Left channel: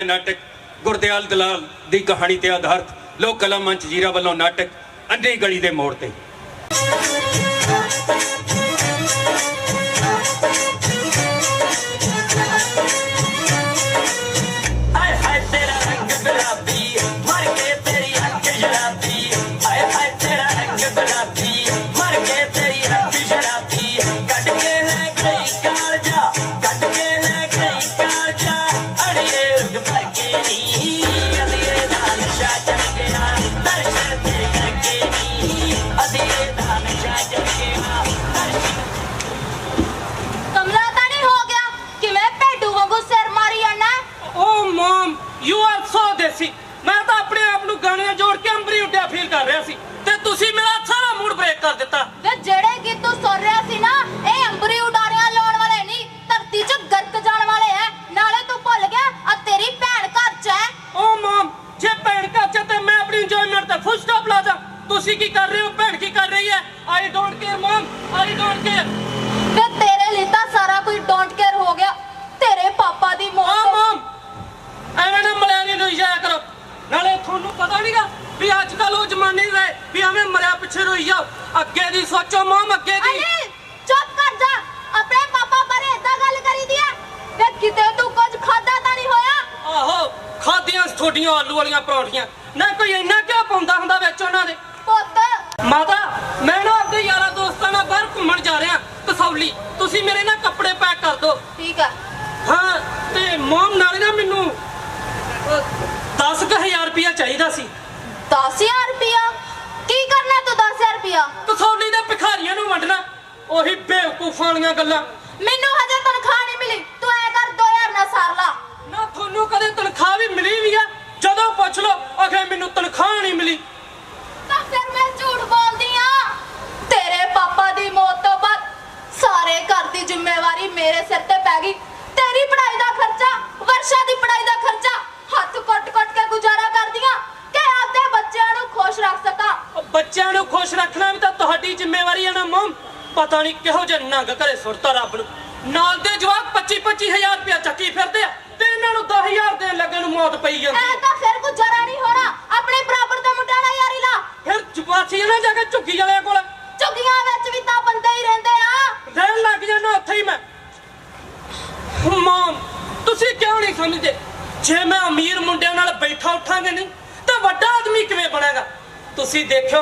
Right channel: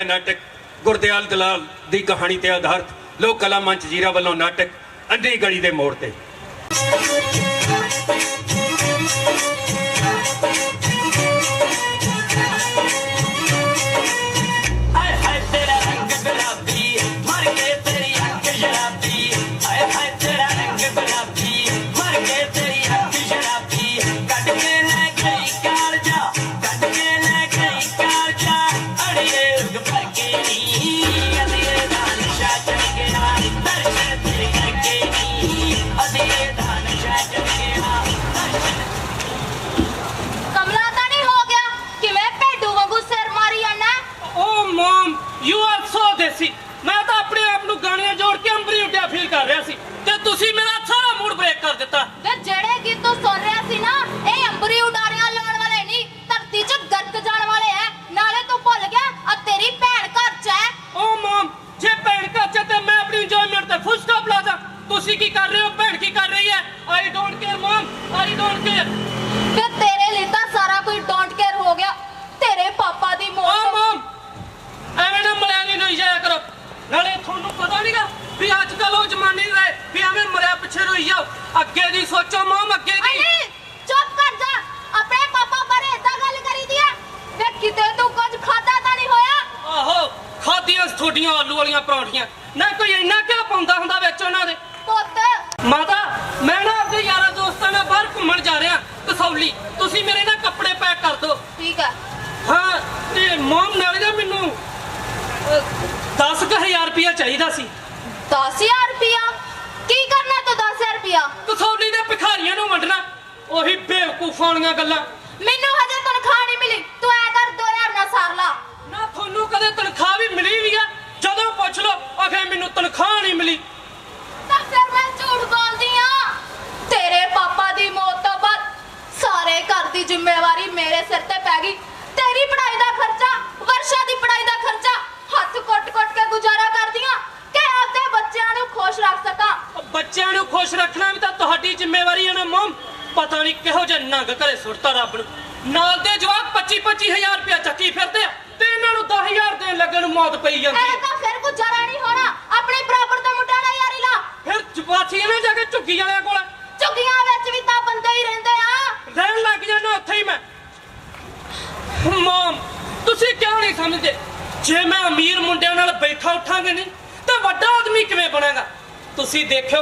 ਕੇ ਨਾਟਕ ਗੁਰਦਿਆਲ ਦਲਾਲ ਦੀ ਕਹਾਣੀ ਤੇ ਆਧਾਰਿਤ ਲੋਕ ਕਲਾ ਮੰਚ ਜੀਰਾ ਵੱਲੋਂ ਨਾਟਕ ਅੰਧੀ ਗਲੀ ਦੇ ਮੋੜ ਤੇ। ਅੱਗੇ ਦੀ ਸੋਚੋ ਮਮ ਅੱਗੇ ਦੀ। ਅਰੇ ਚੁੱਪ ਕਰ ਜਾ। ਆਪਣੇ ਪਾਪਾ ਬਾਰੇ ਏਦਾਂ ਗੱਲ ਕਰੀਦੀ ਐ ਵੇ ਕਿਤੇ ਤੂੰ ਕੁਝ ਖਾਦਾ ਤਾਂ ਨਹੀਂ ਹੋਇਆ? ਆਹੋ ਖਾਦੀਆਂ ਤੁਹਾਡੀਆਂ ਆਲੂ ਵਾਲੀਆਂ ਪਰੌਂਠੀਆਂ। ਨਾ ਕੋਈ ਇੰਨਾ ਕਿਉਂ ਪਾਉਂਦਾ ਹੁੰਦਾ ਵਿੱਚ ਉਹਨਾਂ ਦੇ। ਪੁੱਤ। ਮਾਤਾ ਮੈਂ ਨਾ ਆਪਣੇ ਯਾਰਾਂ ਦੋਸਤਾਂ ਨਾਲ ਬਾਹਰ ਘੁੰਮਣ ਜਾ ਰਿਹਾ। ਕਸੌਲੀ ਤੁਸੀਂ ਮੇਰੇ ਨਾਲ ਕੱਪੜੇ ਪੈਕ ਕਰ ਦਿਓ। ਠੀਕ ਐ ਹਾਂ ਤੇ ਮੋਮ ਨਾਲੇ ਨਾ ਮੈਨੂੰ 10000 ਰੁਪਇਆ ਚਾਹੀਦਾ ਸੀ। 10000 ਰੁਪਿਆ ਰੁਪਿਆ ਕਸੌਲੀ ਦੇ ਭਿਖਾਰੀਆਂ ਨੂੰ ਵੰਡਣਾ ਉਹੀ ਬੇਵਕੂਫਾਂ ਦੀਆਂ ਗੱਲਾਂ। ਮੈਨੂੰ ਹਜੇ ਤਨਖਾਹ ਨਹੀਂ ਮਿਲੀ। ਤੂੰ ਐ ਕਰ 2000 ਨਾਲ ਸਾਰ ਲਾ। ਨਾ ਤੁਹਾਨੂੰ ਕਦੇ ਤਨਖਾਹ ਵੀ ਮਿਲੀ ਵੀ ਆ? ਜਦੋਂ ਪੁੱਛ ਲਓ ਅਖੇ ਮੈਨੂੰ ਤਨਖਾਹ ਨਹੀਂ ਮਿਲੀ। ਤਾਂ ਫਿਰ ਮੈਂ ਝੂਠ ਬੋਲਦੀ ਆ। ਤੇਰੇ ਪਾਪਾ ਦੀ ਮੌਤ ਤੋਂ ਬਾਅਦ ਸਾਰੇ ਘਰ ਦੀ ਜ਼ਿੰਮੇਵਾਰੀ ਮੇਰੇ ਸਿਰ ਤੇ ਪੈ ਗਈ। ਤੇਰੀ ਪੜ੍ਹਾਈ ਦਾ ਖਰਚਾ ਵਰਸ਼ਾ ਦੀ ਪੜ੍ਹਾਈ ਦਾ ਖਰਚਾ ਹੱਥ ਕੁੱਟ-ਕੁੱਟ ਕੇ ਗੁਜ਼ਾਰਾ ਕਰਦੀਆਂ ਕਿ ਆਪਦੇ ਬੱਚਿਆਂ ਨੂੰ ਖੁਸ਼ ਰੱਖ ਸਕਾਂ। ਬੱਚਿਆਂ ਨੂੰ ਖੁਸ਼ ਰੱਖਣਾ ਵੀ ਤਾਂ ਤੁਹਾਡੀ ਜ਼ਿੰਮੇਵਾਰੀ ਹੈ ਨਾ ਮਮ। ਪਤਾ ਨਹੀਂ ਕਿਹੋ ਜਿਹਾ ਨੰਗ ਘਰੇ ਸੁੱਟਤਾ ਰੱਬ ਨੂੰ। ਨਾਲ ਦੇ ਜਵਾਬ 25 25000 ਰੁਪਇਆ ਚੱਕੀ ਫਿਰਦੇ ਆ ਤੇ ਇਹਨਾਂ ਨੂੰ 10000 ਦੇਣ ਲੱਗਣ ਨੂੰ ਮੌਤ ਪਈ ਜਾਂਦੀ ਐ ਹੈ ਤਾਂ ਫਿਰ ਗੁਜ਼ਾਰਾ ਨਹੀਂ ਹੋਣਾ। ਆਪਣੇ ਬਰਾਬਰ ਦਾ ਮੁੰਡਾ ਨਾ ਯਾਰੀ ਲਾ। ਫਿਰ ਚੁਪਾਚੀ ਨਾ ਜਾ ਕੇ ਝੁੱਗੀ ਵਾਲਿਆਂ ਕੋਲ। ਝੁੱਗੀਆਂ ਵਿੱਚ ਵੀ ਤਾਂ ਬੰਦੇ ਹੀ ਰਹਿੰਦੇ ਆ। ਰਹਿਣ ਲੱਗ ਜਾਂਦਾ ਉੱਥੇ ਹੀ ਮੈਂ। ਮਮ ਤੁਸੀਂ ਕਿਉਂ ਨਹੀਂ ਸਮਝਦੇ? ਜੇ ਮੈਂ ਅਮੀਰ ਮੁੰਡਿਆਂ ਨਾਲ ਬੈਠਾ ਉੱਠਾਂਗੇ ਨਹੀਂ ਤਾਂ ਵੱਡਾ ਆਦਮੀ ਕਿਵੇਂ ਬਣਾਂਗਾ? ਤੁਸੀਂ ਦੇਖਿਓ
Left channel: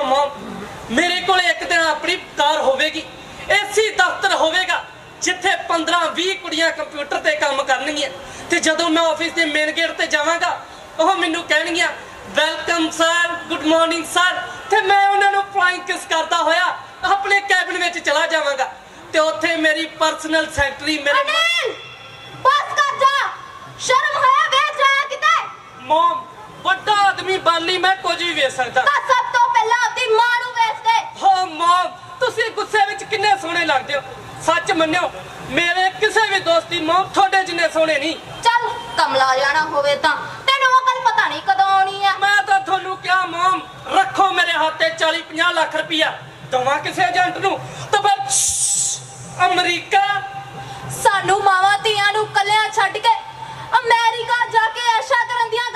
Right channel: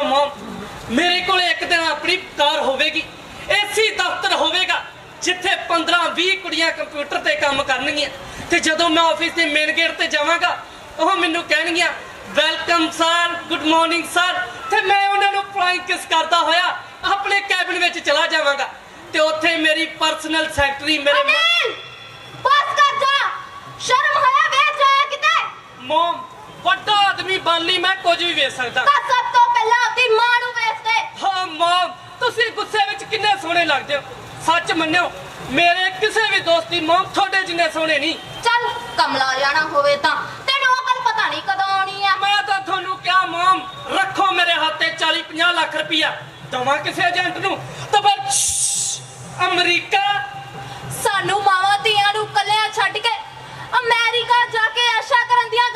ਮੇਰੇ ਕੋਲ ਇੱਕ ਦਿਨ ਆਪਣੀ ਕਾਰ ਹੋਵੇਗੀ ਏਸੀ ਦਫ਼ਤਰ ਹੋਵੇਗਾ ਜਿੱਥੇ 15 20 ਕੁੜੀਆਂ ਕੰਪਿਊਟਰ ਤੇ ਕੰਮ ਕਰਨਗੀਆਂ। ਤੇ ਜਦੋਂ ਮੈਂ ਆਫਿਸ ਦੇ ਮੇਨ ਗੇਟ ਤੇ ਜਾਵਾਂਗਾ ਉਹ ਮੈਨੂੰ ਕਹਿਣਗੀਆਂ welcome sir good morning sir ਤੇ ਮੈਂ ਉਹਨਾਂ ਨੂੰ ਫਲਾਈਂਗ ਕਿਸ ਕਰਦਾ ਹੋਇਆ ਆਪਣੇ ਕੈਬਿਨ ਵਿੱਚ ਚਲਾ ਜਾਵਾਂਗਾ। ਤੇ ਉੱਥੇ ਮੇਰੀ ਪਰਸਨਲ ਸੈਕਟਰੀ ਮੇਰੇ ਬਸ ਕਰ ਜਾ। ਸ਼ਰਮ ਹੋਇਆ ਵੇਚ ਜਾਇਆ ਕਿਤੇ। ਮਮ ਵੱਡਾ ਆਦਮੀ ਬਣ ਲਈ ਮੈਂ ਕੁਝ ਵੀ ਵੇਚ ਸਕਦਾ। ਤਾਂ ਸਭ ਤੋਂ ਪਹਿਲਾਂ ਆਪਣੀ ਮਾਂ ਨੂੰ ਵੇਚ ਦੇ। ਹਾਂ ਮਮ ਤੁਸੀਂ ਗੁੱਸੇ ਵਿੱਚ ਕਿੰਨੇ ਸੋਹਣੇ ਲੱਗਦੇ ਹੋ। ਸੱਚ ਮੰਨਿਓ ਮੇਰੇ ਕਿਸੇ ਵੀ ਦੋਸਤ ਦੀ ਮਮ ਤੁਹਾਡੇ ਜਿੰਨੇ ਸੋਹਣੇ ਨਹੀਂ। ਚੱਲ ਕਮਲਾ ਜਾਣਾ ਹੋਵੇ ਤਾਂ। ਤੈਨੂੰ ਅਕਲ ਪਤਾ ਨਹੀਂ ਕਦੋਂ ਆਉਣੀ ਆ। ਮੈਂ ਤਾਂ ਤੁਹਾਨੂੰ ਕਿਹਾ ਮਮ ਰੱਖੋ ਮੇਰੇ ਹੱਥੇ 40 50 ਲੱਖ ਰੁਪਇਆ ਦਵਾ ਕਿਸੇ ਏਜੰਟ ਨੂੰ ਤਾਂ ਫਿਰ ਅਮਰੀਕਾ। ਸਾਨੂੰ ਮਾਵਾਂ ਧੀਆਂ ਨੂੰ ਕੱਲਿਆਂ ਛੱਡ ਕੇ ਅਮਰੀਕਾ ਜਾ ਕੇ ਐਸ਼ਾ ਕਰਨ ਦੀਆਂ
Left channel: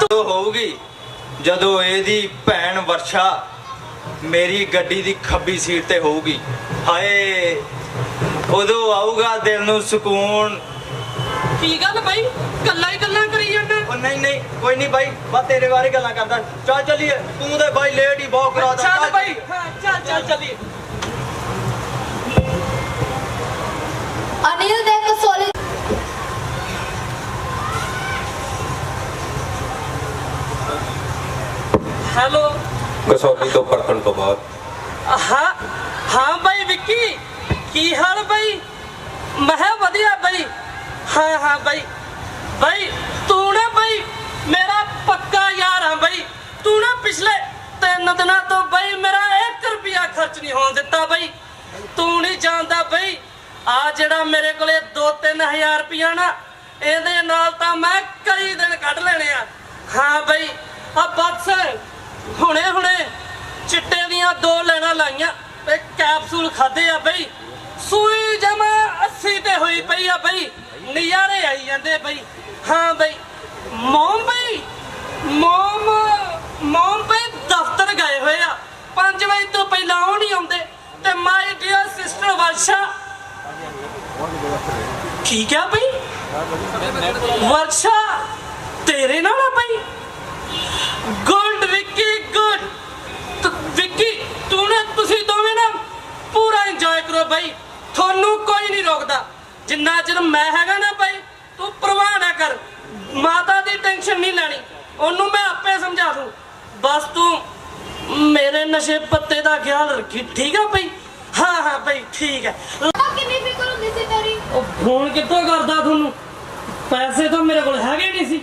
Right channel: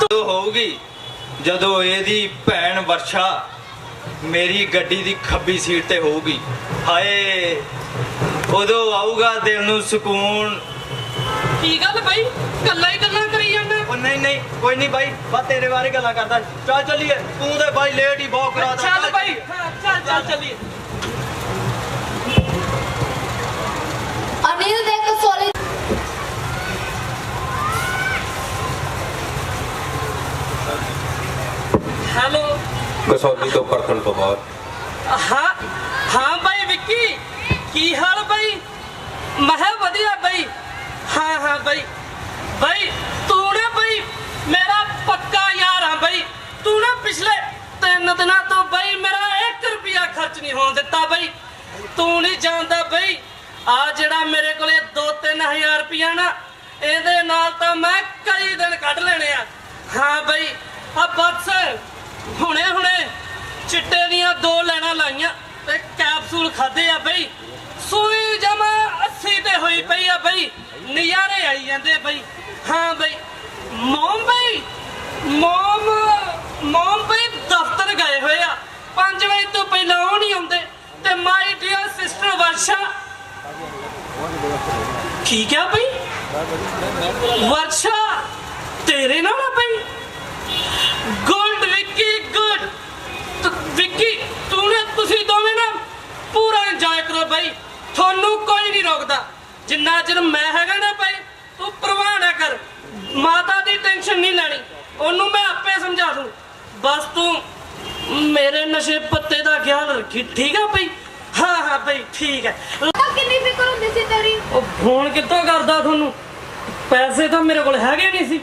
ਤੂੰ ਹੋਊਗੀ ਜਦੋਂ ਇਹਦੀ ਭੈਣ ਵਰਸ਼ਾ ਮੇਰੀ ਗੱਡੀ ਦੀ ਖੱਬੀ ਸੀਟ ਤੇ ਹੋਊਗੀ। ਹਾਏ ਉਦੋਂ ਆਊਗਾ ਦਿਲ ਨੂੰ ਸਕੂਨ। ਕੀ ਗੱਲ ਬਾਈ? ਗੱਲਾਂ ਹੀ ਗੱਲਾਂ ਕਰੀ ਜਾਂਦੇ। ਉਹ ਨਹੀਂ ਨਹੀਂ ਕੋਈ ਨਹੀਂ ਬਾਈ ਬਸ ਤੇਰੇ ਬਾਰੇ ਗੱਲਾਂ ਕਰਦਾ। ਚੱਲ ਚੱਲੀਏ ਤੂੰ ਤੇ ਬਾਈ ਲੇਟ ਹੀ ਬਹੁਤ ਕਰਾਦਾ ਚੱਲ ਬਾਈ ਹਾਂ, ਚੱਲ ਚੱਲ ਚੱਲੀਏ। ਅਨਿਲ ਦੇ ਕਸੋਲੀ ਹੈਲੋ। ਕਸੌਲੀ ਤੋਂ ਪਰਖਣ ਤੋਂ ਬਾਅਦ। ਹਾਂ ਹਾਂ ਬਾਈ ਵਿੱਕੀ ਕੀ ਹਾਲ ਬਾਈ? ਮੈਂ ਕਿਹਾ ਵਧੀਆ ਬਾਈ। ਹਾਂ ਹਾਂ ਬਾਈ। ਬਾਈ ਤੂੰ ਨਾ ਬਾਈ ਮੇਰਾ ਪੱਕਾ ਯਾਰ ਆ ਬਾਈ। ਤੂੰ ਨਾ ਪਿਛਲੇ ਤਿੰਨ ਦਿਨਾਂ ਤੋਂ ਬਾਈ ਮੇਰਾ 1 ਰੁਪਿਆ ਖਰਚ ਨਹੀਂ ਹੋਣ ਦਿੱਤਾ ਬਾਈ। ਤੂੰ ਨਹੀਂ ਜਾਣਦਾ ਬਾਈ ਆ ਜਿਹੜਾ ਮੇਰੇ ਕੋਲੇ 2-3000 ਰੁਪਿਆ ਨਾ ਇਹਦੇ ਨਾਲ ਤਾਂ ਮੈਂ ਕਈ ਦਿਨ ਕੱਢ ਲੈਣੇ ਆ। ਹਾਂ ਬਾਈ ਆ ਬਸ। ਹੁਣੇ ਹੁਣੇ ਚਿੱਟੇ ਦੀਆਂ ਦੋ ਲੈਣਾ ਲਾਈਆਂ ਤੇ ਕੈਪਸੂਲ ਖਾਦੇ ਆ ਬਈ। ਸੂਈ ਜਮਾ ਪਈ ਆ ਬਈ। ਨਜ਼ਾਰੇ ਆਈ ਜਾਂਦੇ ਬਈ। ਹਾਂ ਬਈ ਮੋਮ ਬਈ ਮੋਮ ਮੋਮ ਬਈ ਦਫ਼ਤਰ ਗਏ ਹੋਏ ਆ। 5 ਵਜੇ ਤੋਂ ਪਹਿਲਾਂ ਉਹ ਨਹੀਂ ਆਉਂਦੇ ਤੇ ਮਾਈ ਡੀਅਰ ਸਿਸਟਰ ਵਰਸ਼ਾ। ਠੀਕ ਆ ਬਈ? ਵਰਸ਼ਾ, ਤੇਰੇ ਨਾਲ ਆ ਬਈ ਗੁੱਡ ਵਿੱਕੀ ਗੁੱਡ ਤ- ਵਿੱਕੀ ਤੂੰ ਨੇ ਤੁਸੀਂ ਦੋਵੇਂ ਨਾ ਪੂਰਾ ਇੰਜੋਏ ਕਰੋ ਬਾਈ। ਤੁਹਾਨੂੰ ਕੋਈ ਨਹੀਂ ਰੋਕਦਾ। ਜਿੰਨਾ ਚਿਰ ਮੈਂ ਹੈਗਾ ਨਾ ਬਾਈ ਤੂੰ ਪਰਵਾਹ ਨਾ ਕਰ। ਮਾਤਾ ਦੀ ਟੈਨਸ਼ਨ ਨਹੀਂ ਲੈਣੀ। ਉਹਨੂੰ ਮੈਂ ਆਪੇ ਸਮਝਾ ਦੂੰ। ਬਸ ਤੂੰ ਮੇਰੇ ਨਸ਼ੇ ਪੱਤੇ ਦਾ ਖਿਆਲ ਰੱਖੀ। ਠੀਕ ਆ ਬਾਈ? ਹਾਂ ਹਾਂ ਬਾਈ ਠੀਕ ਹੈ ਕਿੰਨੀ ਫਿਕਰ ਹੁੰਦੀ ਸੀ ਤੇਰੀ? ਉਹ ਫੋਨ ਕਿੱਥੋਂ ਕਰਦਾ ਤੁਹਾਨੂੰ? ਪੈਸੇ ਤਾਂ ਮੇਰੇ ਕੋਲ ਹੈਗੇ ਨਹੀਂ ਸੀ।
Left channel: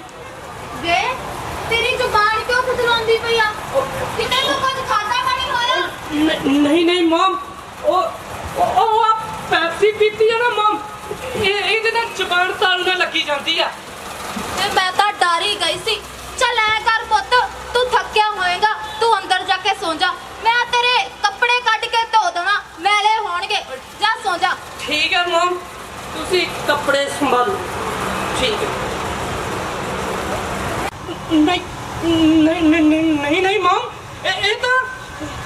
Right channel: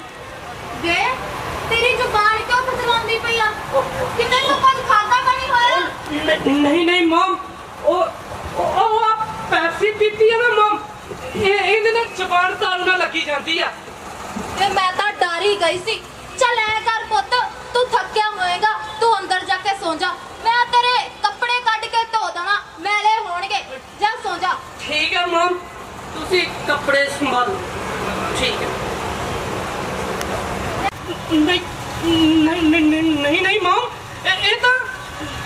ਵੇ ਤੇਰੀ ਜ਼ੁਬਾਨ ਕਿਉਂ ਖੁਦਰਾਉਂਦੀ ਪਈ ਆ? ਕਿੰਨੇ ਲੋਕਾਂ ਨੂੰ ਖਾਦਾ ਨਹੀਂ ਨਹੀਂ ਮਮ। ਉਹ ਉਹ ਆ ਪੈਪਸੀ ਪੀਤੀ ਹੈ ਨਾ ਮਮ। ਇਹ ਇਹਦੇ ਨਾਲ ਜ਼ਬਾਨ ਤਾਲੂ ਨਾਲ ਲੱਗੀ ਜਾਂਦੀ ਆ। ਤੇ ਮੈਂ ਤਾਂ ਡਰ ਹੀ ਗਈ ਸੀ। ਚੱਲ ਐ ਕਰ ਪੁੱਤ ਤੂੰ ਥੱਕਿਆ ਹੋਏਗਾ ਤੂੰ ਅੰਦਰ ਜਾ ਕੇ ਸੌਂ ਜਾ। ਮੈਂ ਤੇਰੇ ਕੱਪੜੇ ਕੱਢ ਕੇ ਧੋ ਦੇਣਾ ਮੈਲੇ ਹੋਣਗੇ। ਜਾ ਸੌਂ ਜਾ। ਠੀਕ ਹੈ ਮਮ। ਤੁਸੀਂ ਕੱਪੜੇ ਸੰਭਾਲੋ। ਠੀਕ ਹੈ। ਨਹੀਂ ਨਹੀਂ ਨਹੀਂ ਨਹੀਂ ਨਹੀਂ ਨਹੀਂ ਮਮ। ਇਹ ਇਹ ਤਾਂ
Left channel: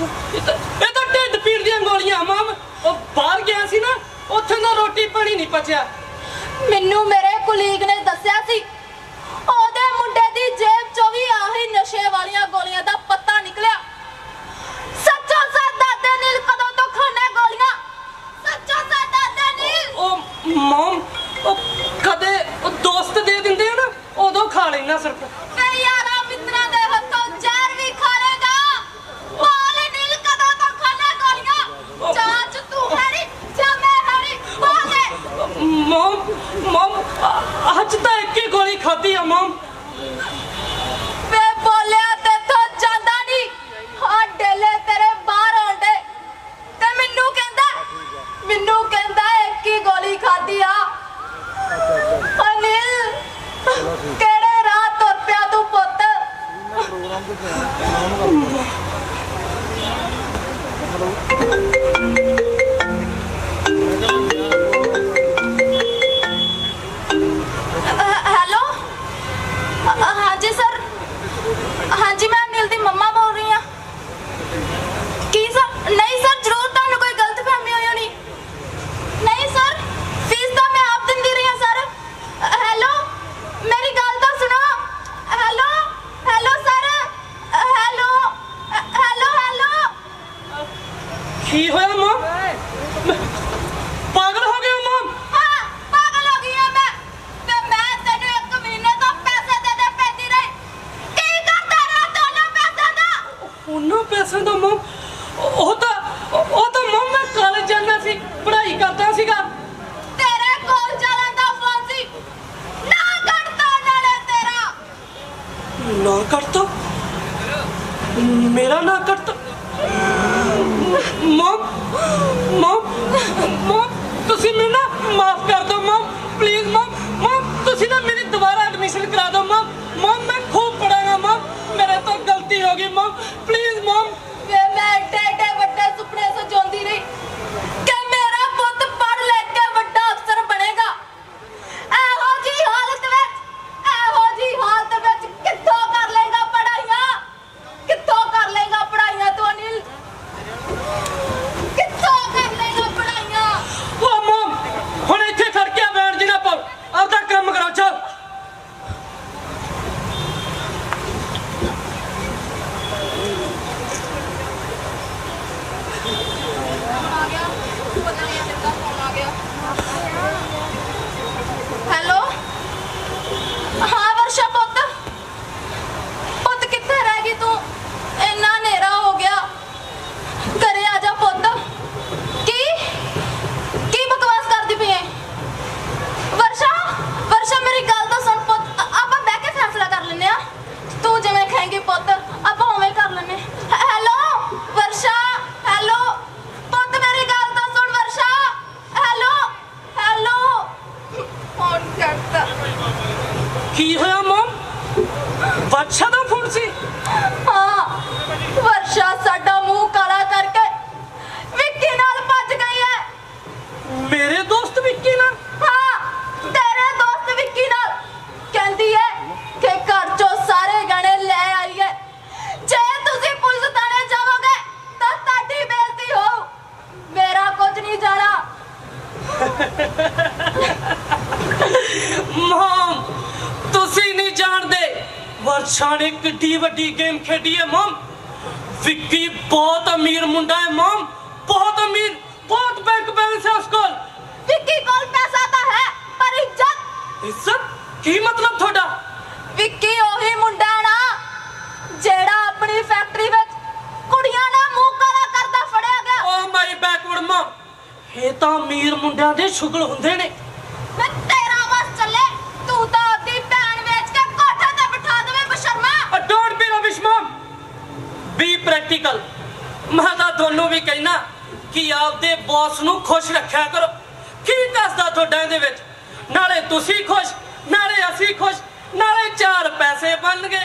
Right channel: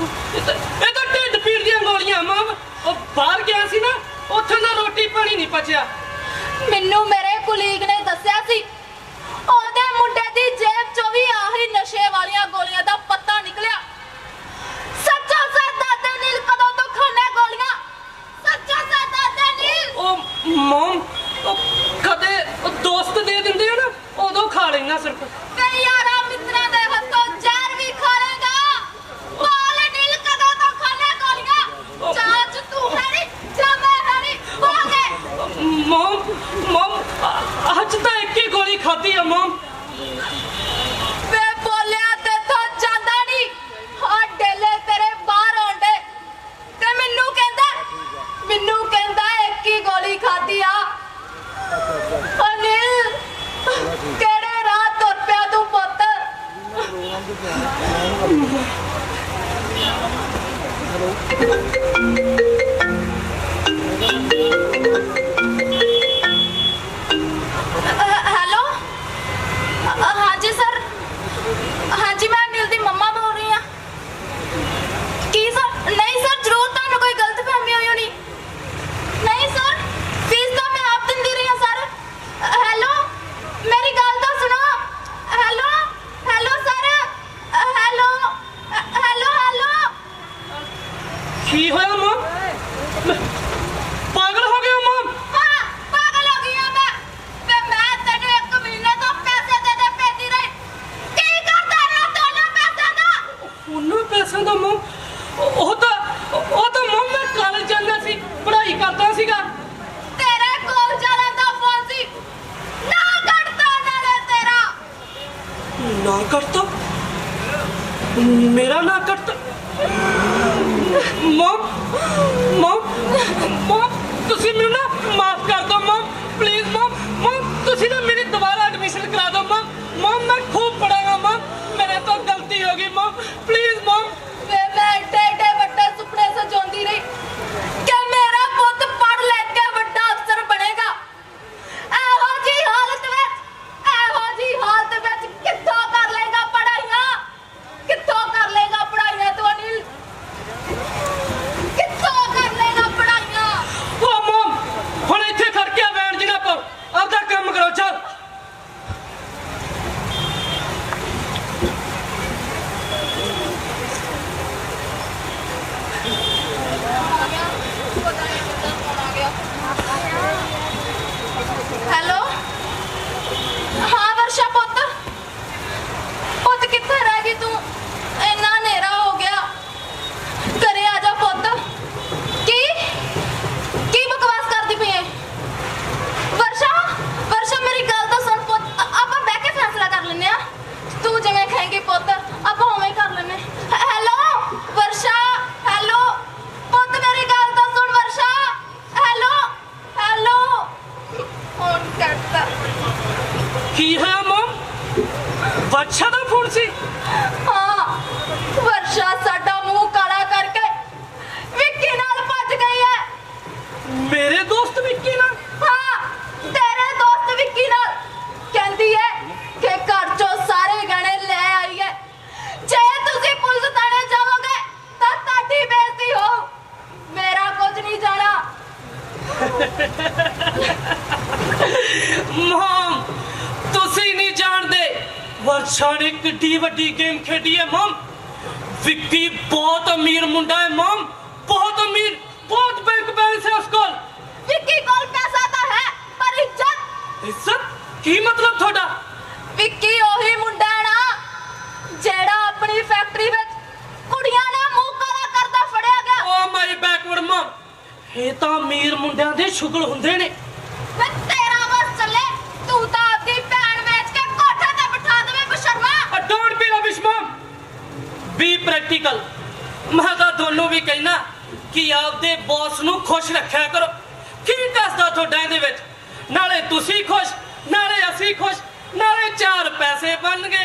ਇਹ ਤਾਂ ਇਹ ਤਾਂ ਢਿੱਡ ਪੀੜ ਦੀਆਂ ਗੋਲੀਆਂ ਮਮ ਉਹ ਬਾਹਰ ਗਿਆ ਸੀ ਨਾ ਉੱਥੇ ਨਾ ਰੋਟੀ ਪਾਣੀ ਨਹੀਂ ਪਚਿਆ। ਮੈਨੂੰ ਮੇਰੇ ਕੁਲੀਗ ਨੇ ਦੱਸਿਆ ਸੀ ਉਹਦੇ ਮੁੰਡੇ ਦੀ ਜੇਬ ਚੋਂ ਵੀ ਆਹੀ ਨਸ਼ੇ ਵਾਲੀਆਂ ਗੋਲੀਆਂ ਦਾ ਪਤਾ ਨਿਕਲਿਆ। ਸੱਚਾ ਸਾ ਦਾਦੇ ਨੀਲ ਕਦੋਂ ਤੋਂ ਖਾਣੇ ਗੋਲੀਆਂ? ਸੱਚਾ ਸਾ ਦਾਦੇ ਨੀਲ! ਉਹ ਮਮ ਉਹ ਕਦੇ ਉਹ ਦੋਸਤ ਦੇ ਦਿੰਦੇ ਆ ਨਾ ਉਦੋਂ ਖਾ ਲੈਣਾ ਸਿਰਫ। ਤੇ ਯਾਰਾ ਹੈਲੋ ਹਾਂ ਵਰਸ਼ਾ ਪੁੱਤ ਪੁੱਤ ਕਿੱਥੇ ਰਹਿ ਗਈ ਤੂੰ ਇੰਨਾ ਹਨੇਰਾ ਹੋ ਗਿਆ ਘਰੇ ਆ ਜਾ ਪੁੱਤ ਕੀ ਕੀ ਬਕਵਾਸ ਕਰਦੀ ਪਈ ਐ ਵਰਸ਼ਾ ਵਰਸ਼ਾ ਮੇਰੀ ਗੱਲ ਤਾਂ ਸੁਣ ਪੁੱਤ ਆ- ਆਪਾਂ ਬਹਿ ਕੇ ਫੈਸਲਾ ਕਰ ਲੈਨੇ ਆ ਤੂੰ ਜਿਵੇਂ ਕਹੇਂਗੀ ਪੁੱਤ ਆਪਾਂ ਉਵੇਂ ਕਰ ਲੈਨੇ ਹੈ- ਹੈਲੋ ਵਰਸ਼ਾ ਹੈਲੋ ਪੁੱਤ ਮੇਰੀ ਗੱਲ ਤਾਂ ਸੁਣ ਵਰਸ਼ਾ ਹੈਲੋ ਹੈਲੋ ਫੋਨ ਕਰਤਾ ਕੀ ਹੋਇਆ ਮਮ ਬੱਚਾ ਦਾ ਫੋਨ ਸੀ ਹਾਂ ਵਰਸ਼ਾ ਸਾਡਾ ਮੂੰਹ ਕਾਲਾ ਕਰਕੇ ਵਿੱਕੀ ਨਾਲ ਭੱਜ ਗਈ ਹੈ ਮੇਰੇ ਦੋਸਤ ਵਿੱਕੀ ਨਾਲ ਹਾਂ ਮਮ ਤੁਸੀਂ ਨਹੀਂ ਜਾਣਦੇ ਵਰਸ਼ਾ ਨੇ ਕਿੱਡੀ ਵੱਡੀ ਗੇਮ ਖੇਡੀ ਹੈ ਮਮ। ਵਿੱਕੀ ਬਹੁਤ ਅਮੀਰ ਮੁੰਡਾ ਹੈ ਮਮ। ਬਹੁਤ ਅਮੀਰ ਬਹੁਤ ਬੈਂਕ ਬੈਲੈਂਸ ਹੈ ਉਸ ਕੋਲ। ਵਿੱਕੀ ਕੋਲ ਪੈਸਾ ਤਾਂ ਹੈ ਪਰ ਇੱਜ਼ਤ। ਇੱਜ਼ਤ? ਕੀ ਮਤਲਬ ਤੁਹਾਡਾ? ਵਿੱਕੀ ਉਹੀ ਮੁੰਡਾ ਨਾ ਜਿਹੜਾ ਆਪਣੀ ਫੈਕਟਰੀ ਵਿੱਚ ਕੁੜੀਆਂ ਦਾ ਮੂੰਹ ਕਾਲਾ ਕਰਦਾ ਫੜਿਆ ਗਿਆ। Oh my backward mum. ਇਹ ਤਾਂ ਅਮੀਰ ਮੁੰਡਿਆਂ ਦੇ ਸ਼ੁਗਲ ਹੁੰਦੇ ਨੇ। ਮੈਂ ਤੇਰਾ ਬਸ ਚੱਲੇ ਤੂੰ ਤਾਂ ਆਪਣੀ ਭੈਣ ਵੇਚ ਕੇ ਕੋਠੇ ਤੇ ਬਿਠਾ ਦੇਵੇਂ don't be rubbish mum be practical ਮੈਂ ਤਾਂ ਤੁਹਾਨੂੰ ਵੀ ਕਹਿਣਾ ਕਿ ਆਪਦੇ ਬੌਸ ਨੂੰ ਖੁਸ਼ ਰੱਖਿਆ ਕਰੋ। ਕੀ ਦੱਸਦਾ ਤੁਹਾਡਾ ਇਹਦੇ ਵਿੱਚ? ਨਾਲੇ ਤੁਸੀਂ ਖੁਸ਼ ਨਾਲੇ ਅਸੀਂ ਖੁਸ਼ ਨਾਲੇ ਚਾਰ ਪੈਸੇ ਬਣਨਗੇ।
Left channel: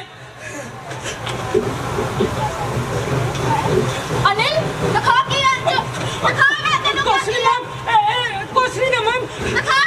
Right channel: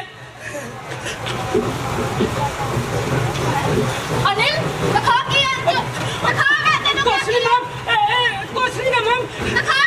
ਅਨਿਲ ਦਿਖਾ ਕੀ ਹੈ ਤੂੰ ਦਿਖਾ ਮੈਂ ਤੈਨੂੰ ਕੁਛ ਨਹੀਂ ਮਮ ਕੁਛ ਨਹੀਂ ਮਮ ਦਿਖਾ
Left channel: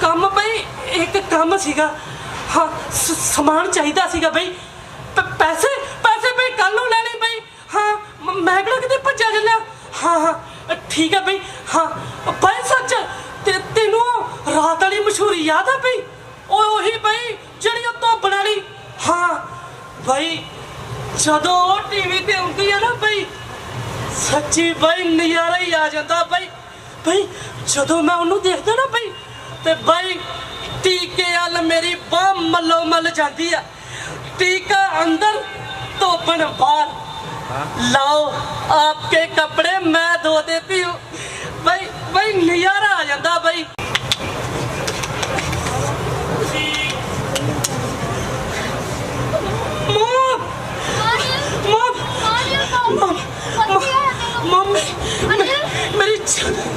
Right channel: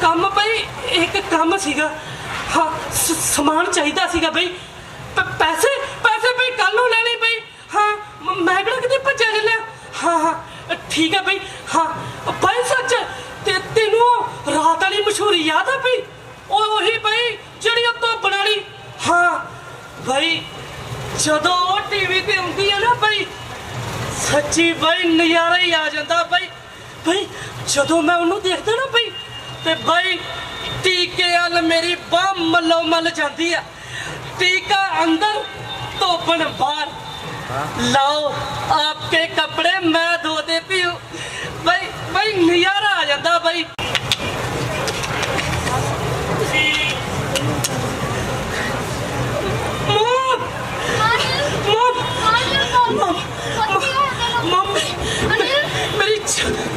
ਕੰਮ ਬਈ ਇੱਕ ਕੰਮ ਸੀਗਾ। ਹਾਂ ਸ- ਸਮਾਨ ਚਾਹੀਦਾ ਸੀਗਾ ਭਾਈ ਪ- ਪੈਸੇ ਪੈਸੇ ਭਾਈ ਕੱਲ ਨੂੰ ਲੈਣੇ ਭਾਈ ਹਾਂ ਮ- ਮੈਂ ਕਿਹੜਾ ਕਿਤੇ ਭੱਜਿਆ ਚੱਲਿਆ ਹਾਂ ਹਾਂ ਅ, ਠੀਕ ਹੈ ਭਾਈ ਹਾਂ ਭਾਈ ਸੱਚ ਤੇ ਤੈਨੂੰ ਉਹ ਰਾਤ ਵਾਲੀ ਮਸ਼ਹੂਰੀ ਯਾਦ ਆ ਬਈ? ਉਹ ਉਹੀ ਭਾਈ ਜਿਹੜੀ ਉਹ ਧੋਬਣ ਵਾਲੀ ਹਾਂ ਭਾਈ ਜਦੋਂ ਉਹ ਟੀਵੀ ਤੇ ਆਉਂਦੀ ਆ ਨਾ ਬਈ ਸੱਚੀ ਭਾਈ ਨਜ਼ਾਰਾ ਹੀ ਆ ਜਾਂਦਾ ਬਈ। ਬਈ ਜਦੋਂ ਮੈਂ ਉਹਨੂੰ ਦੇਖਦਾ ਨਾ ਬਈ ਤੇ ਭਾਈ ਟੀਕੇ ਮੇਰੀ ਬਾਹ ਮੱਲੋ ਮੱਲ ਜਾਂਦੀ ਆ। ਟੀਕਾ ਅੰਦਰ ਧੋਬਣ ਬਾਹਰ। ਲਾਓ, ਆਪਕੇ ਕੱਪੜੇ ਮੈਂ ਧੋ ਦੇਤੀ ਹੂੰ ਭਾਈ ਭਾਈ ਨਜ਼ਾਰਾ ਆ ਜਾਂਦਾ ਭਾਈ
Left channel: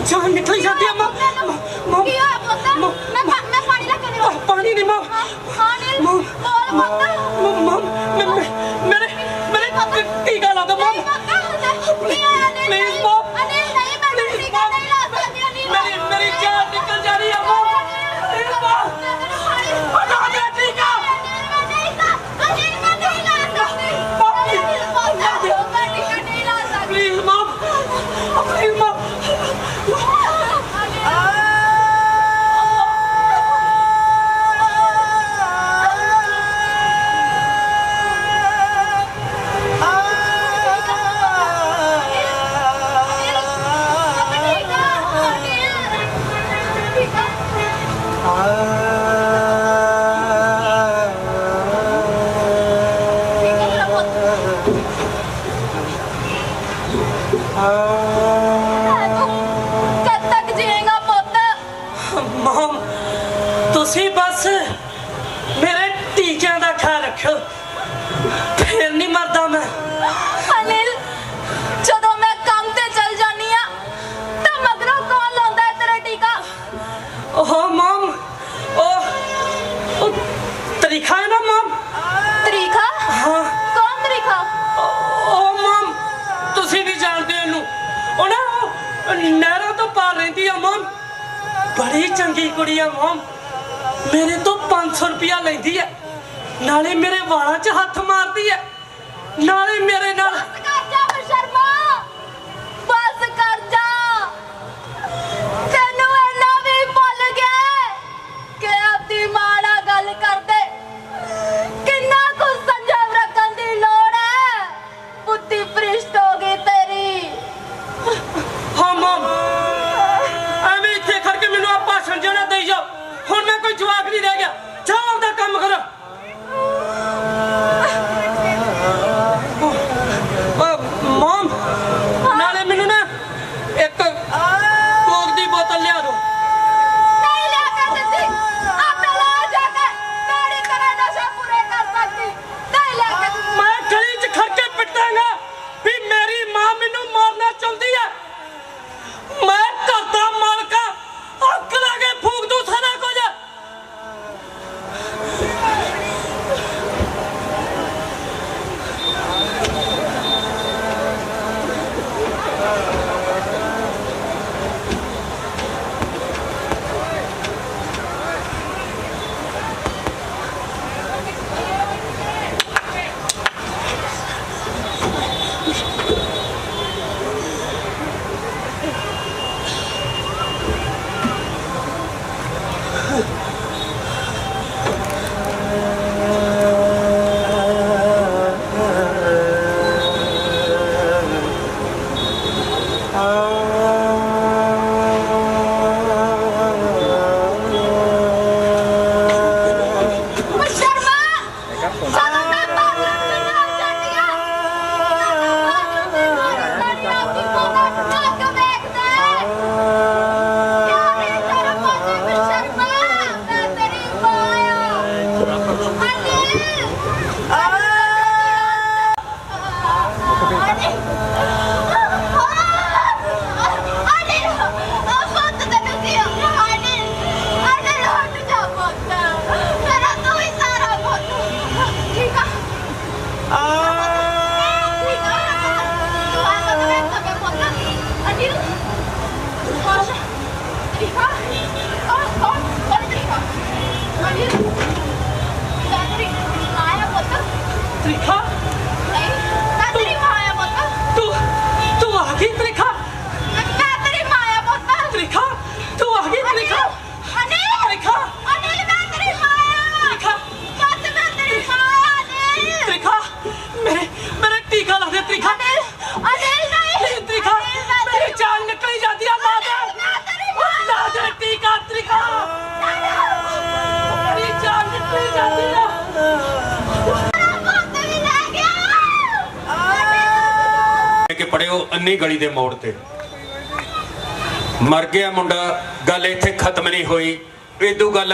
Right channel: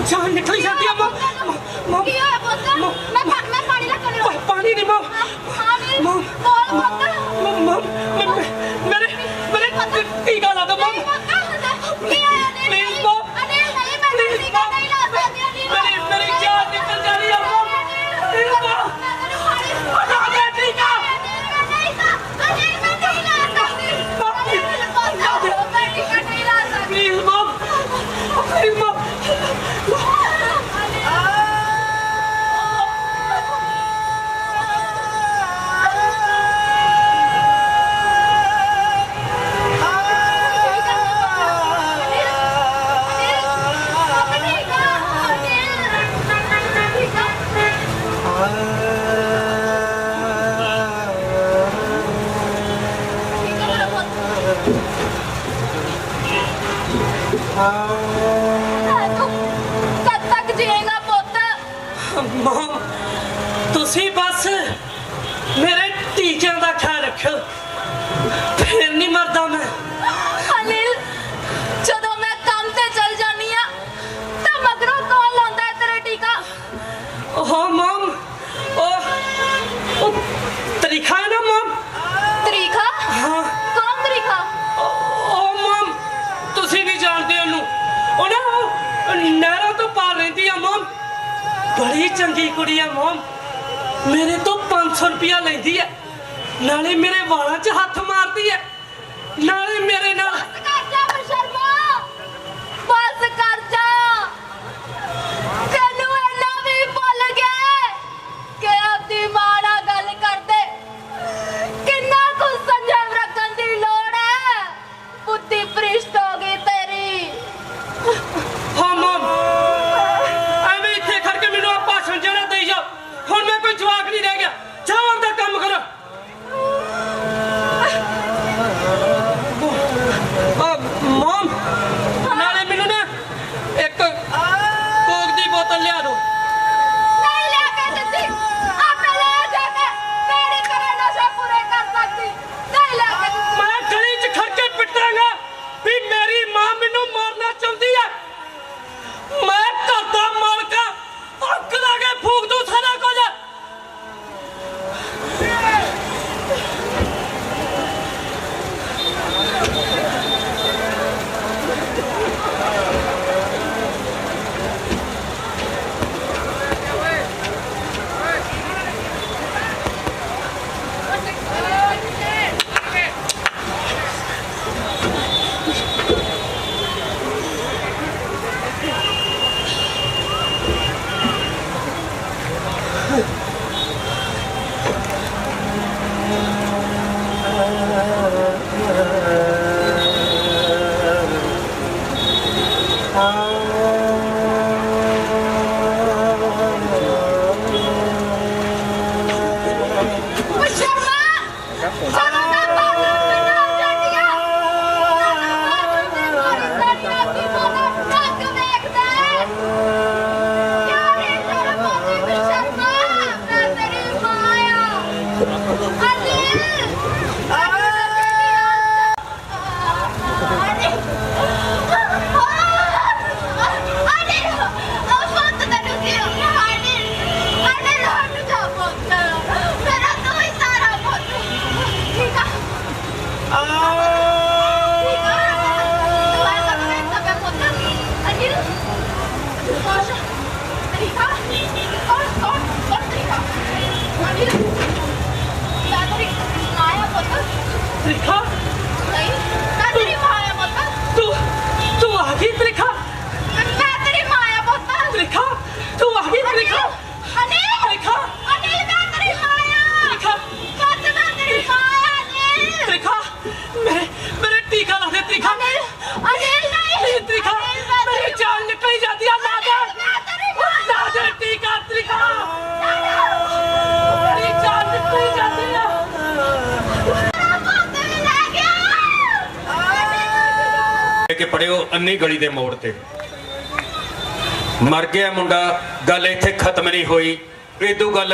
ਜਾਨ ਨਿਕਲ ਜਾਂਦੀ ਆ ਮੋਮ Please, Mom. ਮਮ। ਬੜੀ ਚੰਗੀ ਕੁੜੀ ਆ ਮਮ। ਮੇਰੇ ਤੋਂ 500 ਰੁਪਇਆ ਲੈਂਦੀ ਐ। ਨਾਲੇ ਮੇਰੇ ਵਾਲਾਂ 'ਚ ਹੱਥ ਮਾਰਦੀ ਐ। ਨਾਲੇ ਅੰਨੀ ਗਲੀ ਦੇ ਮੋੜ ਤੇ। ਮਰ ਗਿਆ ਮੁੰਡਾ, ਗੱਲ ਇੱਥੇ ਖਤਮ ਨਹੀਂ ਹੋਈ। ਇਹ ਇਦੋਂ ਗੱਲ